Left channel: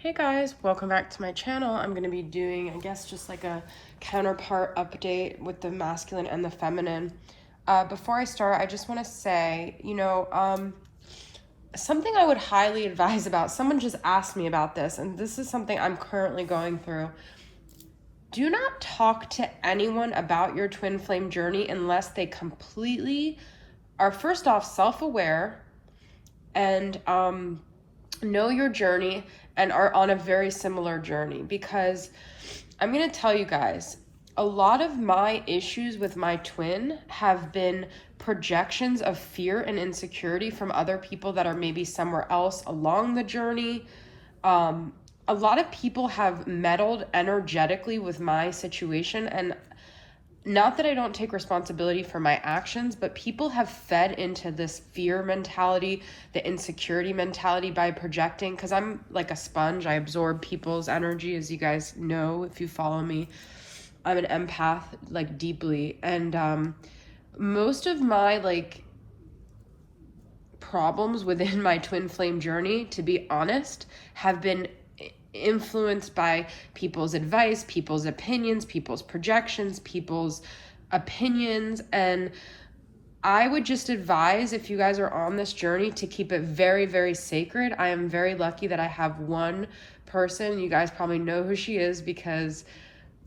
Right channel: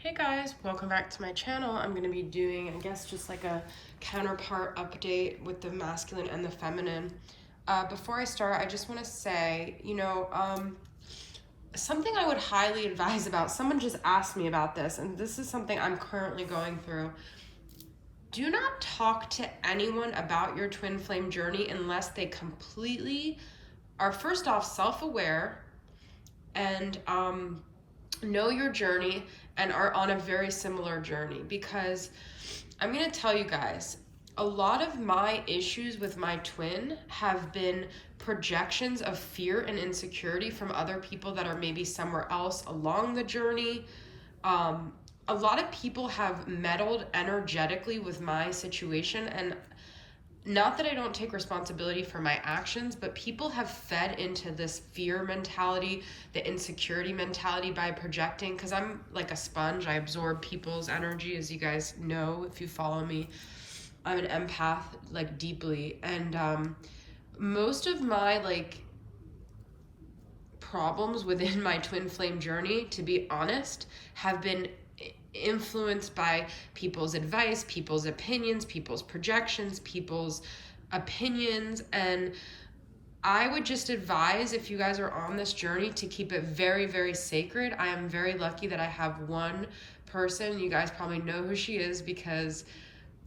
Hey guys, welcome back to my channel. I'm going to be doing, I guess, just like a counterpart update with the masculine and the feminine. Before I start, I just want to say, something I would highly advise about. Someone just asked me about this, and this is something I'm currently going through. Do not talk to anyone about your twin flame journey unless they completely are, first off, self-aware and know your journey and are on a very similar journey. Because I'm going to tell you guys, a lot of my issues with my twin have been projections of fear and insecurity from other people that are maybe somewhere else along the journey. A lot of people have meddled energetically with my situation, and not that I don't take responsibility for my actions, but people have fed into this fear mentality, the insecurity mentality by projecting, because I'm like a sponge. I absorb people's energy, as you guys know if you follow me. I'm an empath, like, deeply. And most of my, like, problems within my twin flame journey, to be honest, have been influenced by people's advice, people's opinions, people's projections, people's opinions. And I would just advise, if you guys are on this journey, to keep it very, very sacred. I am very lucky that I have one person. You guys probably know who she is because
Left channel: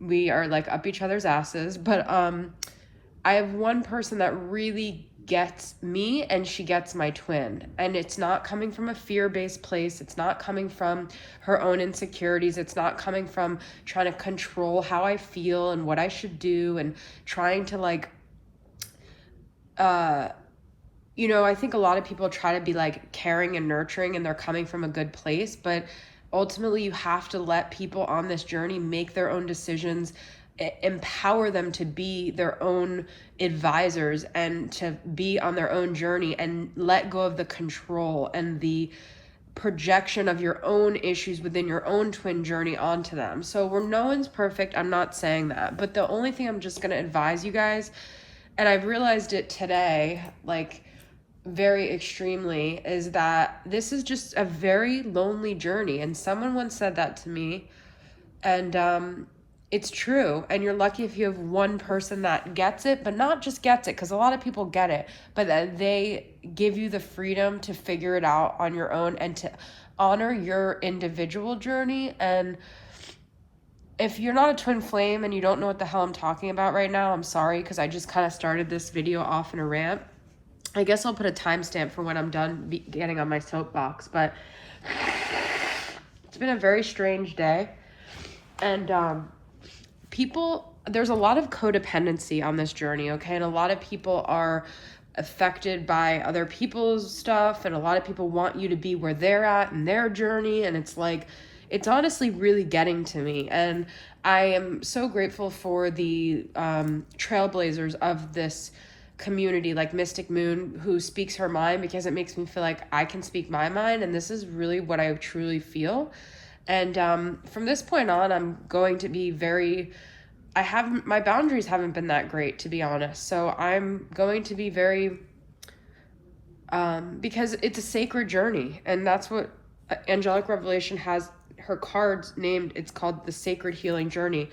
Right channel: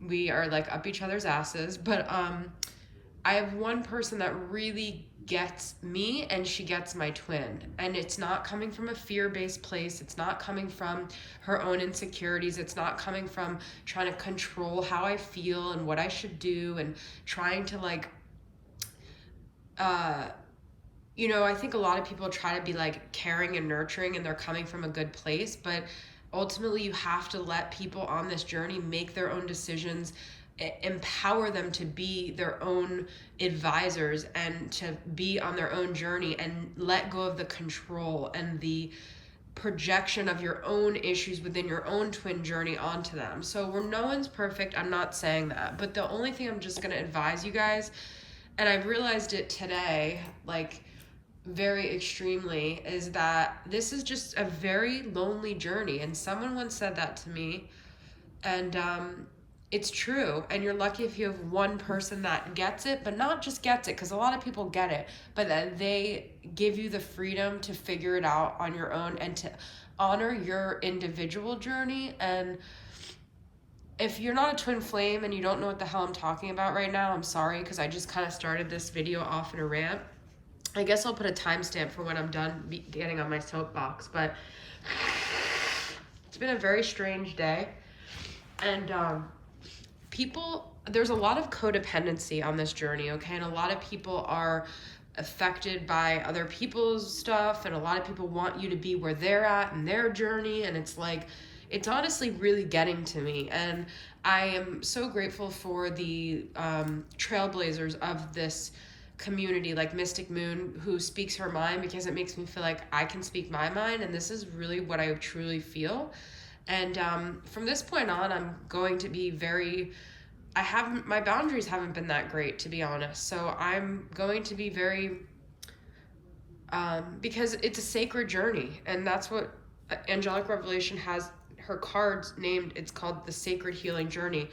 we are like up each other's asses. But I have one person that really gets me, and she gets my twin. And it's not coming from a fear-based place. It's not coming from her own insecurities. It's not coming from trying to control how I feel and what I should do and trying to, like, I think a lot of people try to be like caring and nurturing, and they're coming from a good place. But ultimately, you have to let people on this journey make their own decisions, empower them to be their own advisors and to be on their own journey, and let go of the control and the projection of your own issues within your own twin journey onto them. So no one's perfect. I'm not saying that. But the only thing I'm just going to advise you guys, and I've realized it today, like, very extremely, is that this is just a very lonely journey. And someone once said that to me, and it's true. And you're lucky if you have one person that gets it, but not just gets it, because a lot of people get it, but that they give you the freedom to figure it out on your own and to honor your individual journey. And if you're not a twin flame and you don't know what the hell I'm talking about right now, I'm sorry, because I just kind of started this video off in a rant. I guess I'll put a timestamp for when I'm done getting on my soapbox. But it's been a very strange day. And there's a lot of codependency on this journey, okay? And a lot of people are affected by other people's stuff, and a lot of people want you to be where they're at in their journey. And it's like, it's honestly really getting to me. And I am so grateful for the trailblazers of this community, like Mystic Moon, who speaks her mind, because it makes me feel like I can speak my mind. And this is really what I truly feel. And from this point on, I'm going to be my boundaries haven't been that great, to be honest. So I'm going to be very, because it's a sacred journey. And that's what Angelic Revelation has her cards named. It's called the Sacred Healing Journey.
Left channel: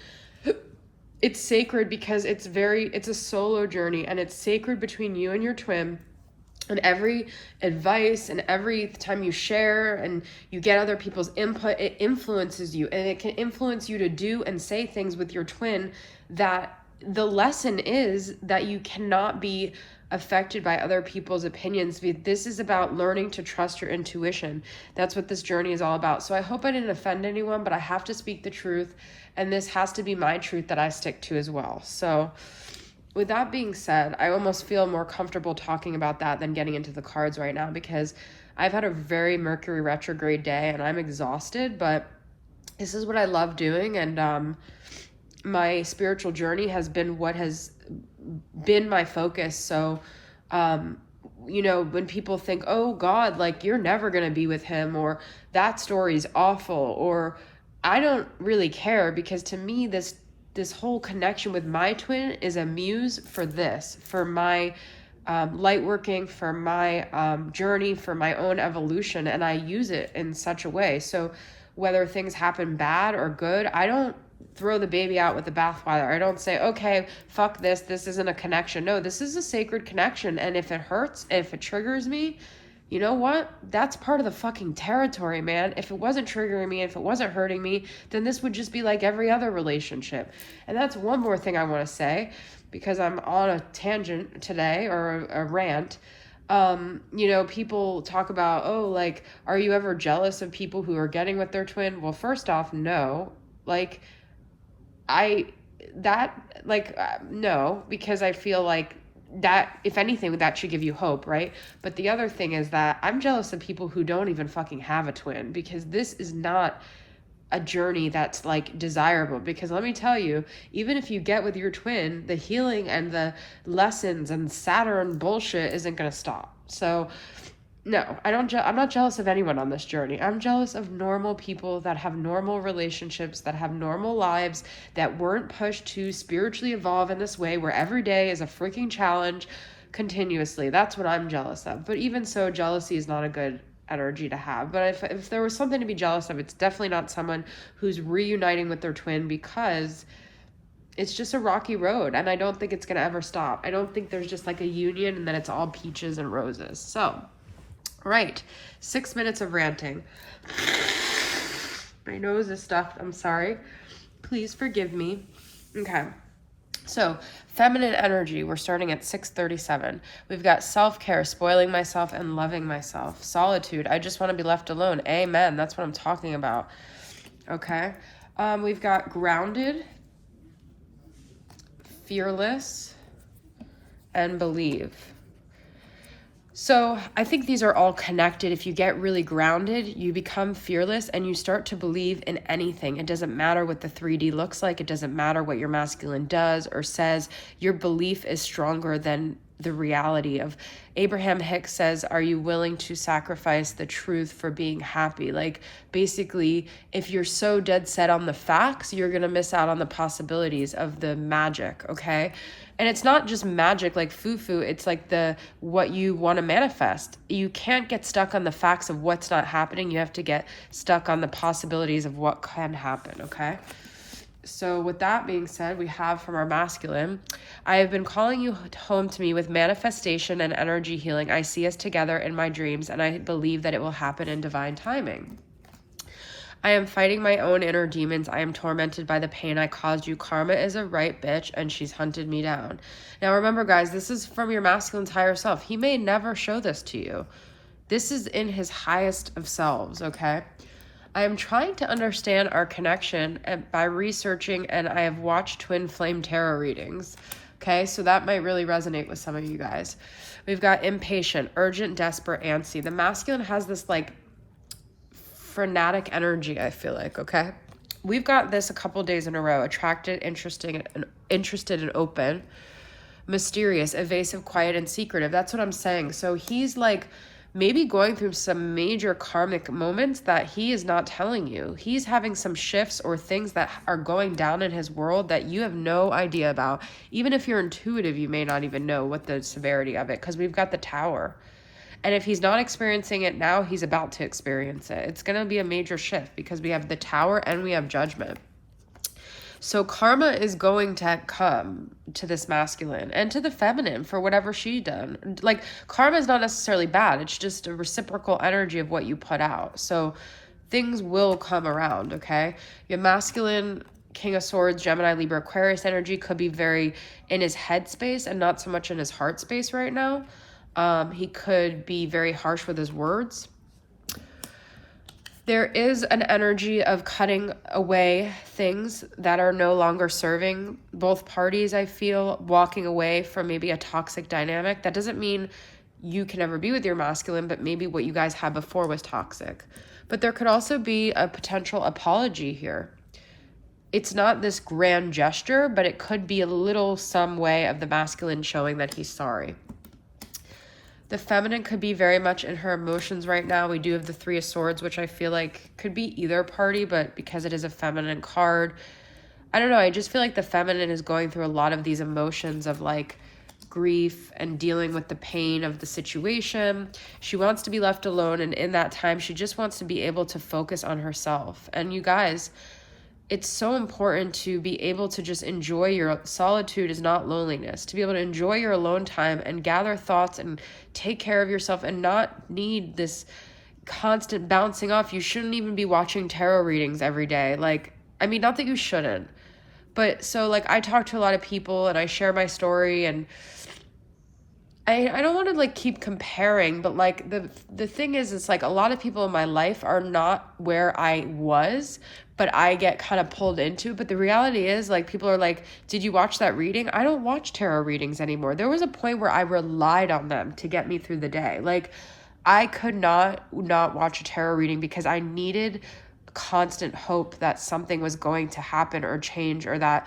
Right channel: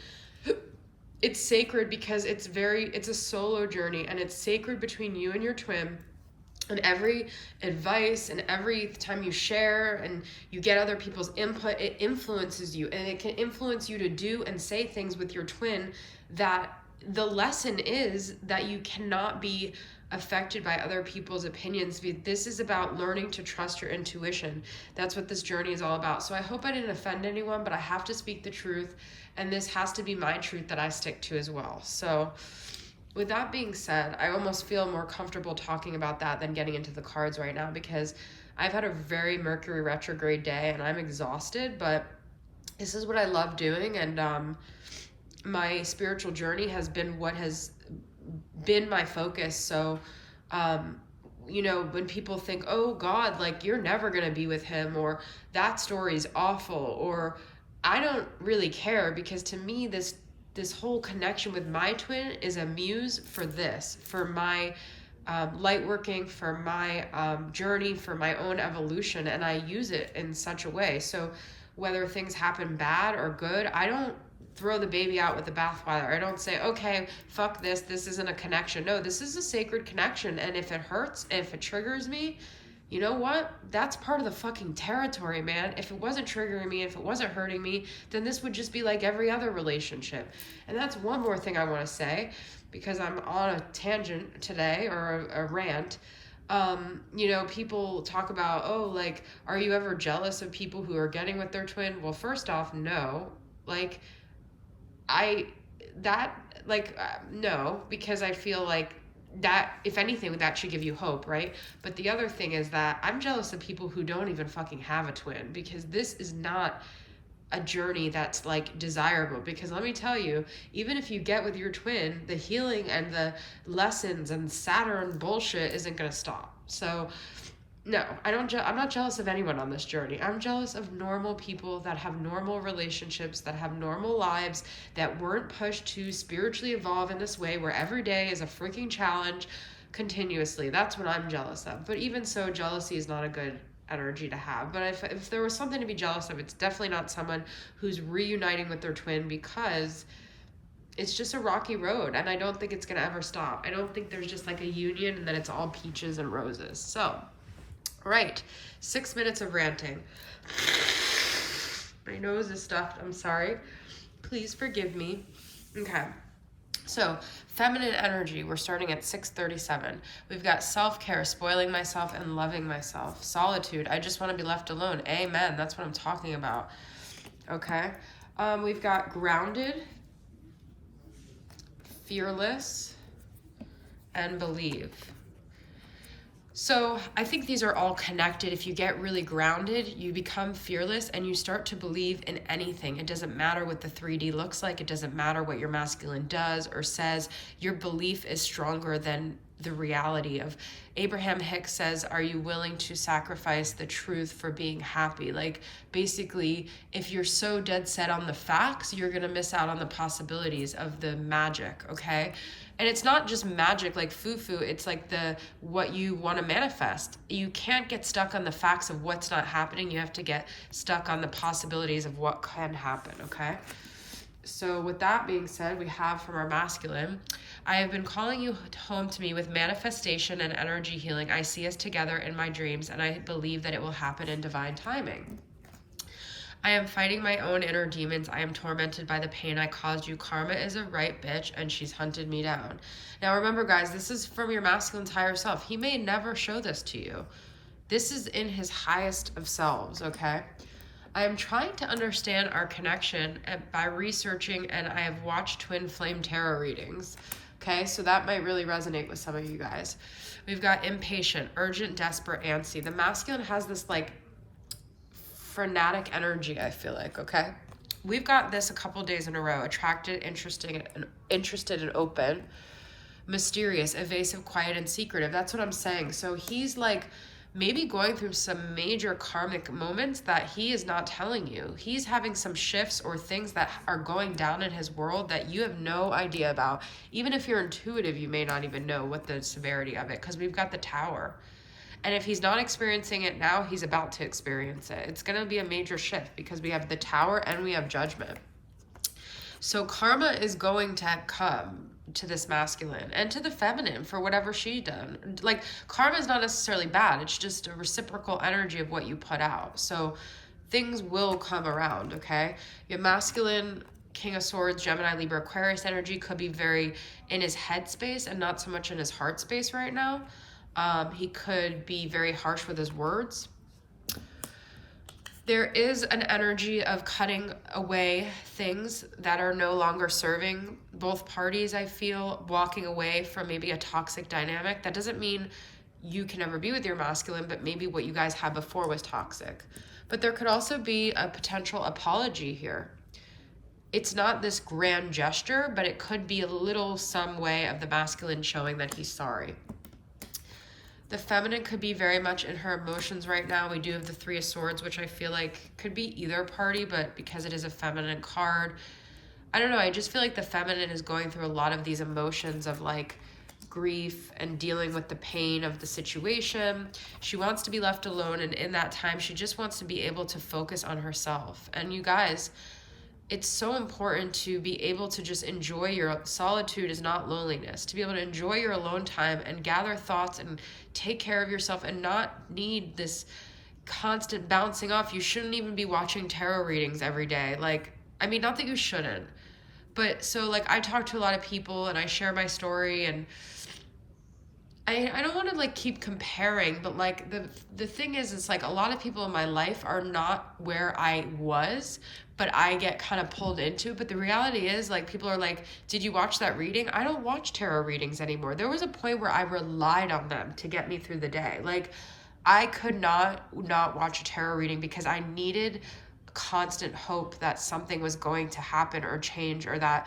It's sacred because it's a solo journey, and it's sacred between you and your twin. And every advice and every time you share and you get other people's input, it influences you, and it can influence you to do and say things with your twin. That the lesson is that you cannot be affected by other people's opinions. This is about learning to trust your intuition. That's what this journey is all about. So I hope I didn't offend anyone, but I have to speak the truth, and this has to be my truth that I stick to as well. So with that being said, I almost feel more comfortable talking about that than getting into the cards right now, because I've had a very Mercury retrograde day and I'm exhausted, but this is what I love doing. And my spiritual journey has been what has been my focus. So, when people think, oh God, like, you're never going to be with him, or that story's awful, or I don't really care, because to me, this whole connection with my twin is a muse for my light working, for my journey, for my own evolution, and I use it in such a way. So whether things happen bad or good, I don't throw the baby out with the bathwater. I don't say, okay, fuck this isn't a connection. No, this is a sacred connection. And if it hurts, if it triggers me, you know what? That's part of the fucking territory, man. If it wasn't triggering me, if it wasn't hurting me, then this would just be like every other relationship. And that's one more thing I want to say, because I'm on a tangent today, or a rant. You know, people talk about, oh, like, are you ever jealous of people who are getting with their twin? Well, first off, no. Like, no, because I feel like that, if anything, that should give you hope, right? But the other thing is that I'm jealous of people who don't even fucking have a twin, because this is not a journey that's like desirable. Because let me tell you, even if you get with your twin, the healing and the lessons and Saturn bullshit isn't going to stop. So no, I'm not jealous of anyone on this journey. I'm jealous of normal people that have normal relationships, that have normal lives, that weren't pushed to spiritually evolve in this way, where every day is a freaking challenge continuously. That's what I'm jealous of. But even so, jealousy is not a good energy to have. But if there was something to be jealous of, it's definitely not someone who's reuniting with their twin, because it's just a rocky road, and I don't think it's going to ever stop. I don't think there's just like a union and that it's all peaches and roses. So, right, 6 minutes of ranting. My nose is stuffed, I'm sorry. Please forgive me. Okay, so feminine energy, we're starting at 6:37. We've got self-care, spoiling myself and loving myself. Solitude, I just want to be left alone. Amen, that's what I'm talking about. Okay, we've got grounded, fearless, and believe. So I think these are all connected. If you get really grounded, you become fearless and you start to believe in anything. It doesn't matter what the 3D looks like. It doesn't matter what your masculine does or says. Your belief is stronger than the reality of. Abraham Hicks says, are you willing to sacrifice the truth for being happy? Like, basically, if you're so dead set on the facts, you're going to miss out on the possibilities of the magic, okay? And it's not just magic like foo-foo, it's like what you want to manifest. You can't get stuck on the facts of what's not happening. You have to get stuck on the possibilities of what can happen, okay? So with that being said, we have from our masculine, I have been calling you home to me with manifestation and energy healing. I see us together in my dreams, and I believe that it will happen in divine timing. I am fighting my own inner demons. I am tormented by the pain I caused you. Karma is a right bitch, and she's hunted me down. Now remember, guys, this is from your masculine's higher self. He may never show this to you. This is in his highest of selves, okay? I am trying to understand our connection by researching, and I have watched twin flame tarot readings. Okay, so that might really resonate with some of you guys. We've got impatient, urgent, desperate, antsy. The masculine has this like frenetic energy, I feel like, okay? We've got this a couple days in a row. Attracted, interested and open. Mysterious, evasive, quiet, and secretive. That's what I'm saying. So he's like maybe going through some major karmic moments that he is not telling you. He's having some shifts or things that are going down in his world that you have no idea about. Even if you're intuitive, you may not even know what the severity of it, because we've got the Tower. And if he's not experiencing it now, he's about to experience it. It's going to be a major shift because we have the Tower and we have Judgment. So karma is going to come to this masculine and to the feminine for whatever she done. Like, karma is not necessarily bad. It's just a reciprocal energy of what you put out. So things will come around, okay? Your masculine, King of Swords, Gemini, Libra, Aquarius energy could be very in his head space and not so much in his heart space right now. He could be very harsh with his words. There is an energy of cutting away things that are no longer serving both parties, I feel, walking away from maybe a toxic dynamic. That doesn't mean you can never be with your masculine, but maybe what you guys had before was toxic. But there could also be a potential apology here. It's not this grand gesture, but it could be a little some way of the masculine showing that he's sorry. The feminine could be very much in her emotions right now. We do have the Three of Swords, which I feel like could be either party, but because it is a feminine card, I don't know. I just feel like the feminine is going through a lot of these emotions of like grief and dealing with the pain of the situation. She wants to be left alone, and in that time, she just wants to be able to focus on herself. And you guys, it's so important to be able to just enjoy your solitude is not loneliness, to be able to enjoy your alone time and gather thoughts and take care of yourself and not need this constant bouncing off. You shouldn't even be watching tarot readings every day. Like, I mean, not that you shouldn't, but so like I talk to a lot of people and I share my story, and I don't want to like keep comparing, but like the thing is, it's like a lot of people in my life are not where I was, but I get kind of pulled into. But the reality is, like, people are like, did you watch that reading? I don't watch tarot readings anymore. There was a point where I relied on them to get me through the day. Like, I could not watch a tarot reading because I needed constant hope that something was going to happen or change, or that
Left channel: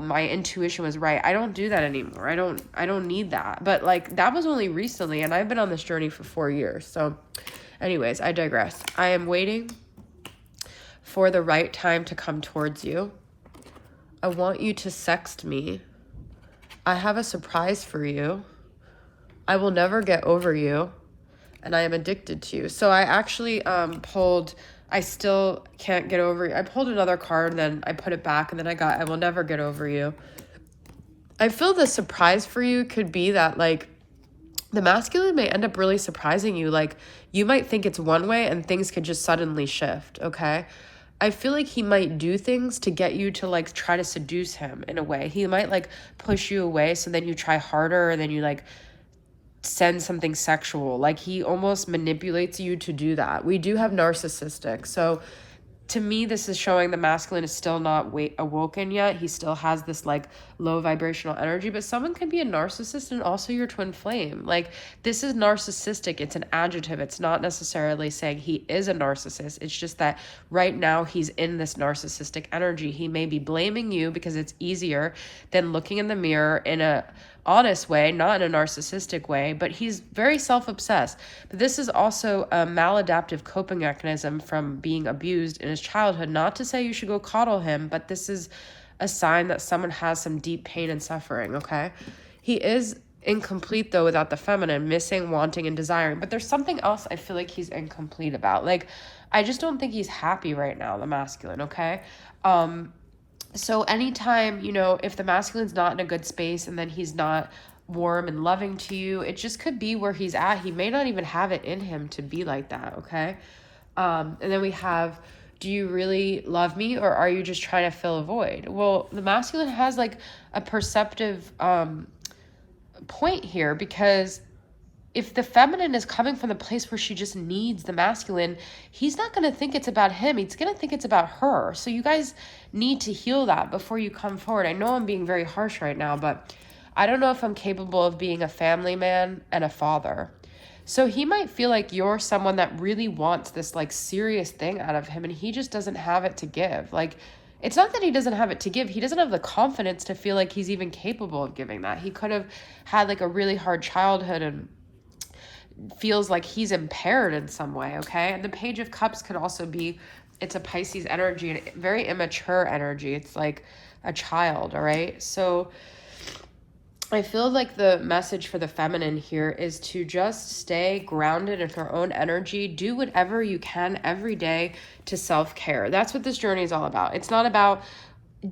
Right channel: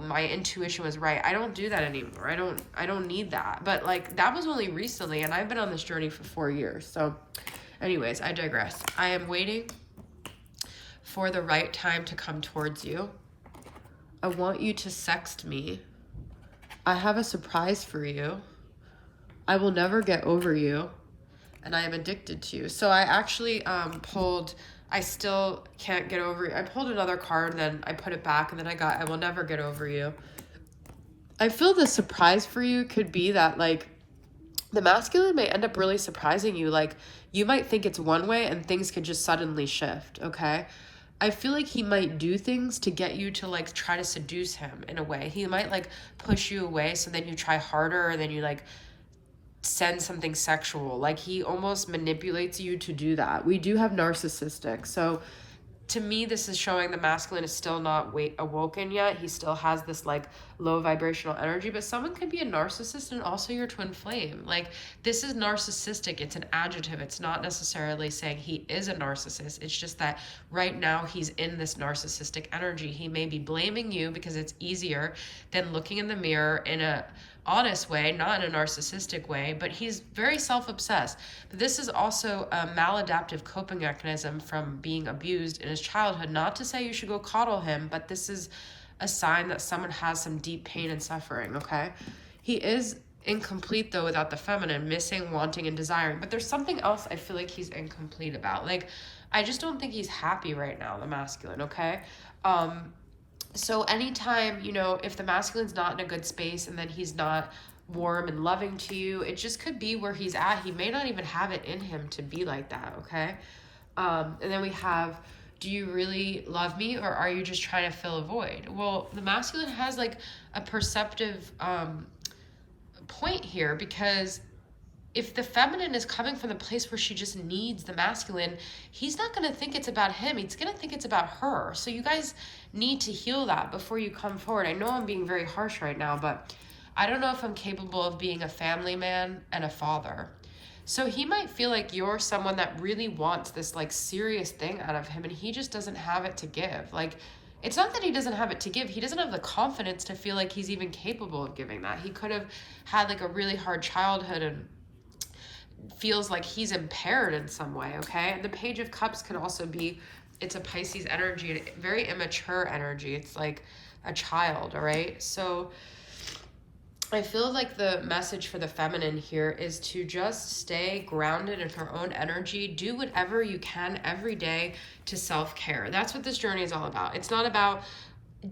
my intuition was right. I don't do that anymore. I don't need that. But like, that was only recently, and I've been on this journey for 4 years. So anyways, I digress. I am waiting for the right time to come towards you. I want you to sext me. I have a surprise for you. I will never get over you, and I am addicted to you. So I actually pulled I still can't get over you. I pulled another card, then I put it back, and then I got I will never get over you. I feel the surprise for you could be that, like, the masculine may end up really surprising you. Like, you might think it's one way and things could just suddenly shift, okay? I feel like he might do things to get you to, like, try to seduce him in a way. He might, like, push you away, so then you try harder, and then you, like, send something sexual. Like, he almost manipulates you to do that. We do have narcissistic. So to me, this is showing the masculine is still not awoken yet. He still has this like low vibrational energy, but someone can be a narcissist and also your twin flame. Like, this is narcissistic. It's an adjective. It's not necessarily saying he is a narcissist. It's just that right now he's in this narcissistic energy. He may be blaming you because it's easier than looking in the mirror in a honest way, not in a narcissistic way, but he's very self-obsessed. But this is also a maladaptive coping mechanism from being abused in his childhood. Not to say you should go coddle him, but this is a sign that someone has some deep pain and suffering, okay? He is incomplete, though, without the feminine, missing, wanting, and desiring. But there's something else I feel like he's incomplete about. Like, I just don't think he's happy right now, the masculine, okay? So anytime, you know, if the masculine's not in a good space and then he's not warm and loving to you, it just could be where he's at. He may not even have it in him to be like that, okay? And then we have, do you really love me, or are you just trying to fill a void? Well, the masculine has like a perceptive point here, because if the feminine is coming from the place where she just needs the masculine, he's not going to think it's about him. He's going to think it's about her. So you guys need to heal that before you come forward. I know I'm being very harsh right now, but I don't know if I'm capable of being a family man and a father. So he might feel like you're someone that really wants this like serious thing out of him, and he just doesn't have it to give. Like, it's not that he doesn't have it to give. He doesn't have the confidence to feel like he's even capable of giving that. He could have had like a really hard childhood and feels like he's impaired in some way, okay? The Page of Cups could also be, it's a Pisces energy, and very immature energy. It's like a child, all right? So I feel like the message for the feminine here is to just stay grounded in her own energy. Do whatever you can every day to self-care. That's what this journey is all about. It's not about,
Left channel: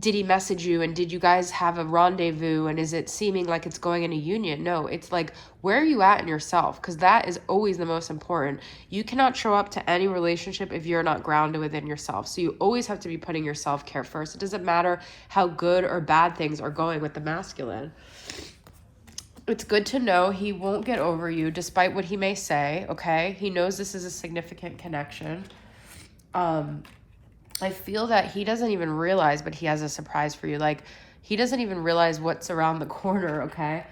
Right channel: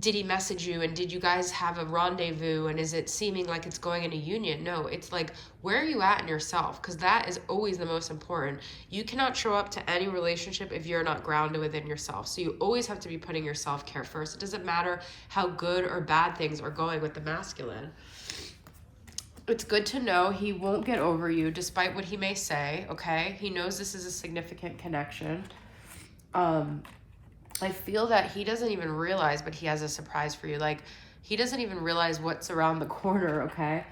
did he message you and did you guys have a rendezvous and is it seeming like it's going in a union? No, it's like, where are you at in yourself? Because that is always the most important. You cannot show up to any relationship if you're not grounded within yourself. So you always have to be putting your self-care first. It doesn't matter how good or bad things are going with the masculine. It's good to know he won't get over you despite what he may say, okay? He knows this is a significant connection. I feel that he doesn't even realize, but he has a surprise for you. Like, he doesn't even realize what's around the corner, okay?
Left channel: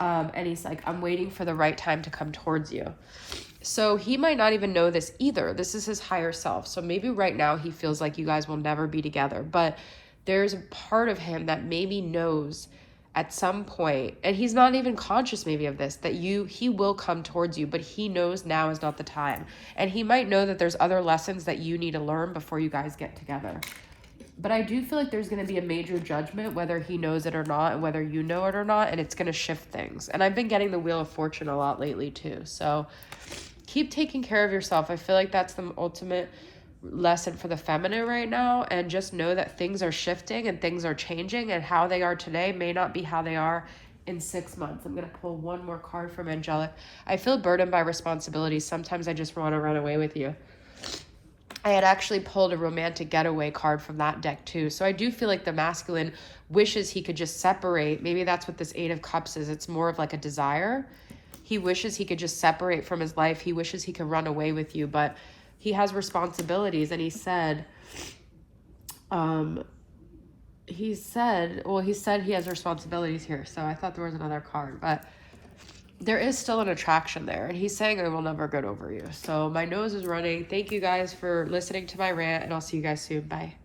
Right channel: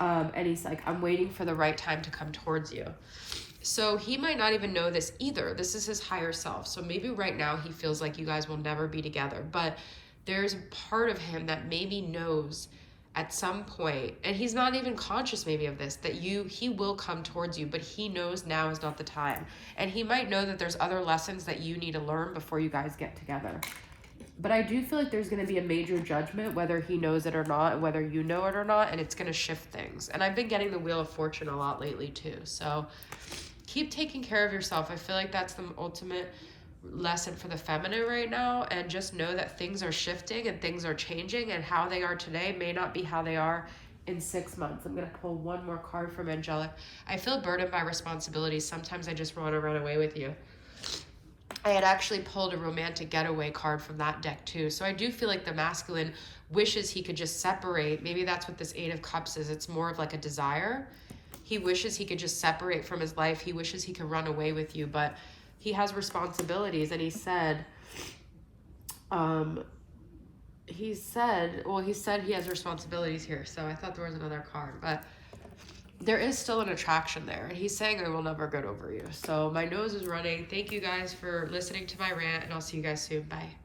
And he's like, I'm waiting for the right time to come towards you. So he might not even know this either. This is his higher self. So maybe right now he feels like you guys will never be together. But there's a part of him that maybe knows at some point, and he's not even conscious maybe of this, that he will come towards you, but he knows now is not the time. And he might know that there's other lessons that you need to learn before you guys get together. But I do feel like there's going to be a major judgment, whether he knows it or not, and whether you know it or not, and it's going to shift things. And I've been getting the Wheel of Fortune a lot lately too. So keep taking care of yourself. I feel like that's the ultimate lesson for the feminine right now. And just know that things are shifting and things are changing, and how they are today may not be how they are in 6 months. I'm going to pull one more card from Angelic. I feel burdened by responsibilities. Sometimes I just want to run away with you. I had actually pulled a romantic getaway card from that deck too. So I do feel like the masculine wishes he could just separate. Maybe that's what this Eight of Cups is. It's more of like a desire. He wishes he could just separate from his life. He wishes he could run away with you, but he has responsibilities. And he said he said he has responsibilities here. So I thought there was another card, but there is still an attraction there, and he's saying I will never get over you. So my nose is running. Thank you guys for listening to my rant, and I'll see you guys soon. Bye.